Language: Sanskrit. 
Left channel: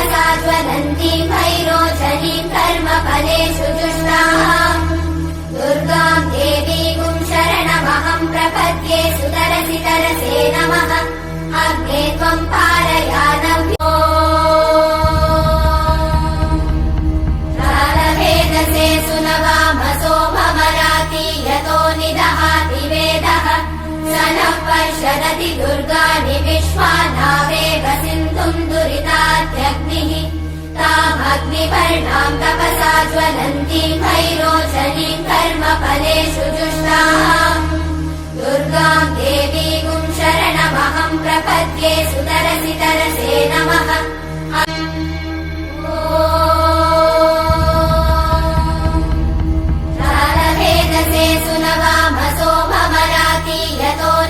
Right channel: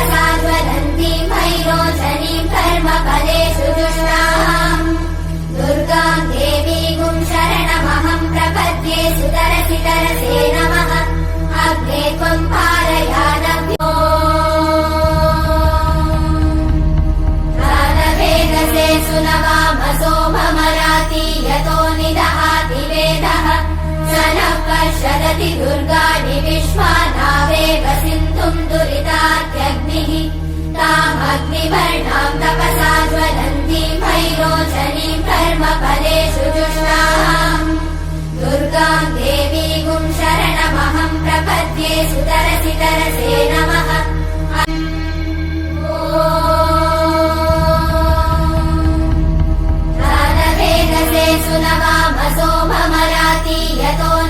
तपसा ज्वलन्तीं भैरोचनीं कर्मफलेषु जुष्टाम् दुर्गाम् देवीगुं शरणमहं प्रपद्ये सुतरसि तरसे नमः अग्ने त्वं पारयानव्यो रालभेदसे सुनवामसो भमराति यतो निदहाति वेदः स नः पर्षदति दुर्गाणि विश्वानावेव सिन्धुम् दुरितात्यग्निः तामग्निवर्णाम् तपसा ज्वलन्तीं भैरोचनीं कर्मफलेषु जुष्टाम् दुर्गाम् देवीगुं शरणमहं प्रपद्ये सुतरसि तरसे नमः